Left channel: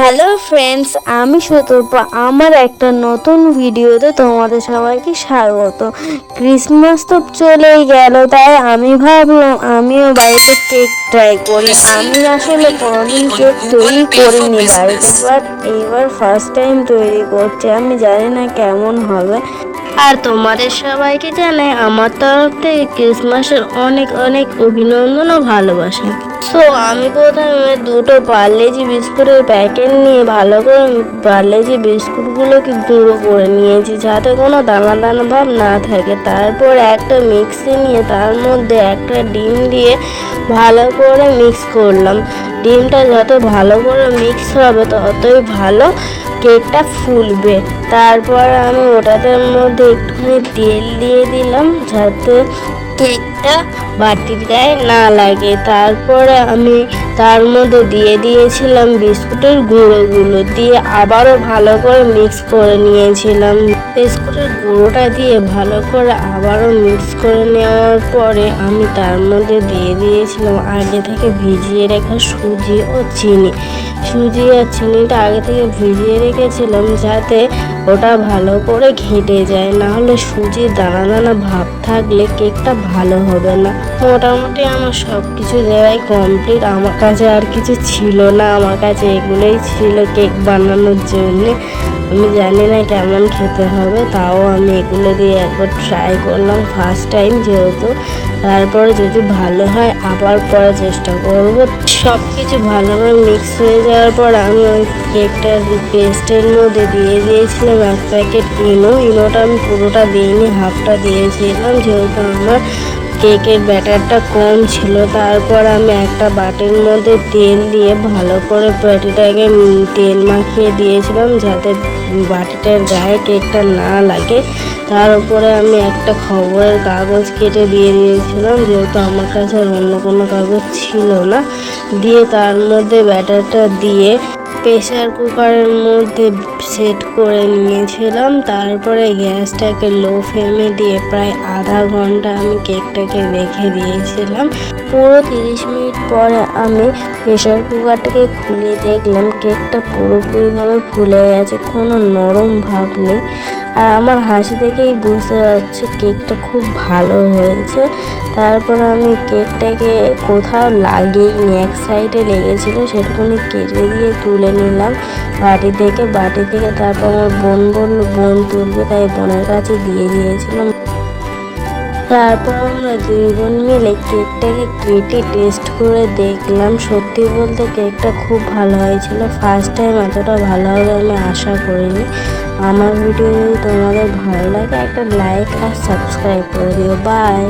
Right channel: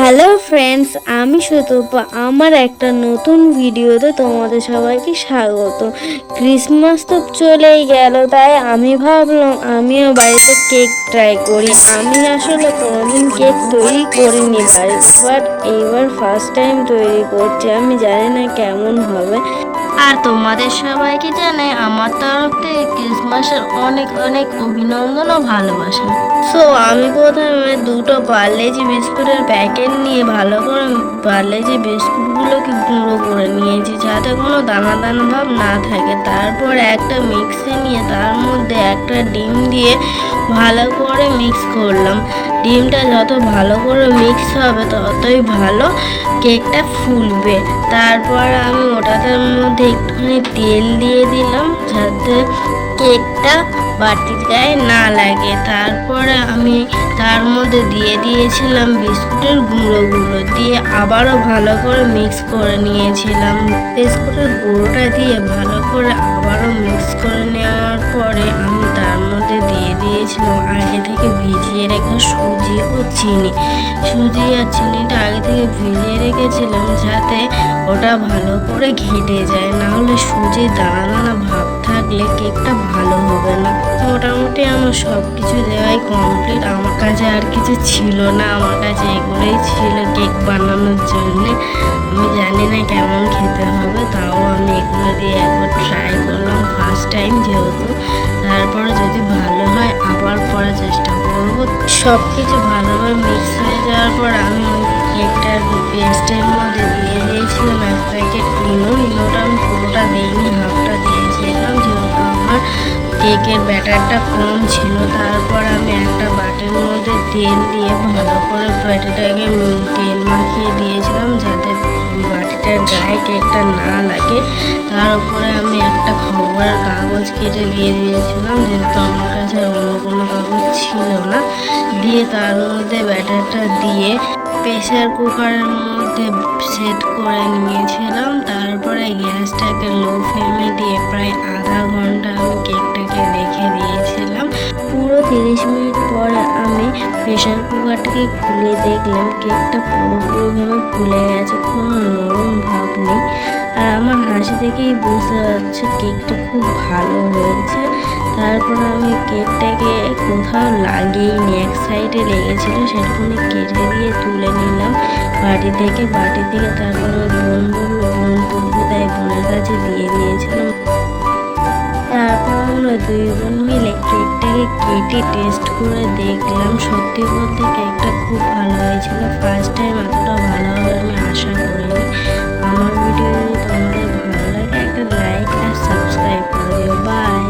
Hello friends, আমি শতরূপা। আমার একটা নতুন ভিডিওতে তোমাদের সবাইকে স্বাগত। ক্রিসমাস তো চলেই গেল, তাই আমি ভাবলাম আমিও বাড়িতে কেক ট্রাই করি। আমি আসলে কোনোদিন কেক তৈরি করিনি বাড়িতে, বাট এইবার ফার্স্ট টাইম তৈরি করছি। আমি জানি না কেমন হবে। আর তোমাদের সবাইকে জানাই আমার তরফ থেকে ক্রিসমাসের অনেক অনেক অভিনন্দন ও ভালোবাসা। তো আমি প্রথমে দুটো পার্লেজি বিস্কুটের প্যাকেট নিয়ে ভালো করে পার্লেজি বিস্কুটগুলোকে গুঁড়ো করে নিয়েছি, যাতে কোনো দানা দানা ভাব না থাকে। তারপর একটা মিক্সি নিয়ে তার মধ্যে একটা ডিম দিয়ে ভালো করে মিক্স করলাম। ডিমটা যত ভালো করে মিক্স হবে ততই ভালো কেকটা ফুলবে। তারপর আমি ওটাতে মধ্যে একটুখানি তেল দিয়ে দিলাম, যাতে কেকটা বাটির গায়ে না লাগে। তারপরে আমি তার মধ্যে দিয়ে দিয়েছিলাম বিস্কুটের গুঁড়োগুলো, দিয়ে আবারও ভালো করে মিক্স করে নিয়েছিলাম। বিস্কুটের গুঁড়োটা দিয়ে ভালো করে আবারও মিক্স করে নেওয়ার পরে আমি তার মধ্যে দিয়ে দিয়েছিলাম আগে থেকে ভিজিয়ে রাখা সুজি ও চিনি। সুজি আর চিনিটা আগে থেকে ভিজিয়ে রেখেছিলাম, যাতে ওটা ভালো করে ঘেটে যায়, নাহলে সুজির দানা দানা ভাব থাকলে কেকটা ভালো হবে না। মোটামুটি আমার সব কিছু দেওয়াই কমপ্লিট। আমার কাছে আর কিছু ছিল না, আমার কাছে এগুলোই ছিল কেক বানানোর জন্য। আমি জানি না কেমন খেতে হবে, তাও আমি এগুলো দিয়ে একবার ট্রাই করলাম ফার্স্ট টাইম যেহেতু। তারপরে যদি ভালো হয় আবার করার চেষ্টা করব। সব কিছু ভালোভাবে মিক্স হয়ে যাওয়ার পর আমি ওই কেকটার পেস্টের মধ্যে দিয়ে দিয়েছিলাম এক প্যাকেট ইনোটা আমি পুরোটা দিইনি, হাফটা দিয়েছিলাম, যেহেতু আমার কেকের ব্যাটারটা কম ছিল। তারপর আমি একটা বাটির মধ্যে তেল দিয়ে ভালো করে বাটিটাকে তেল মাখিয়ে দিয়েছিলাম, যাতে বাটিটার গায়ে কেকটা না লাগে। তার উপরে আমি একটা খবরের কাগজ কেটে দিয়ে দিয়েছিলাম, যেহেতু আমার কাছে আর অন্য কোনো কাগজ ছিল না। দিয়ে তার মধ্যে ব্যাটারটা দিয়ে প্রেসার কুকারের মধ্যে সেট করে নিয়েছিলাম। তারপরে গ্যাসটাকে লো ফ্লেমে দিয়ে প্রায় আধা ঘন্টা আমি কেকটাকে রেখে দিয়েছিলাম। পুরো 30 মিনিট পর আমি প্রেসার কুকারটাকে খুলে দেখলাম কেকটা পুরোপুরিভাবে ফুলে গেছে, কোনো নরম ভাব নেই। আর আমার হাসি দেখেই বুঝতে পারছে কেকটা খুব ভালো হয়েছে। তারপর আমি কেকটাকে কোথাও লাগিয়েইনি, এক সাইডে লেগেছিল, সেটুকুনি কেটে দিয়ে তুলে নিলাম বাটি থেকে। তারপর আমার বোন বললো বোন তুলবে, তাই বোনের কাছে দিয়ে দিয়েছিলাম। তারপর আমরা দুই বোন মিলে কেকটাকে কেটে টেস্ট করে দেখলাম। সত্যি বলতে কেকটা খুব ভালো হয়েছিল। ফার্স্ট টাইম এতটা ভালো হবে আমি আশা করিনি। আমার ভিডিও যদি তোমাদের ভালো লাগে একটা লাইক আর সাবস্ক্রাইব করে দিও। বাই।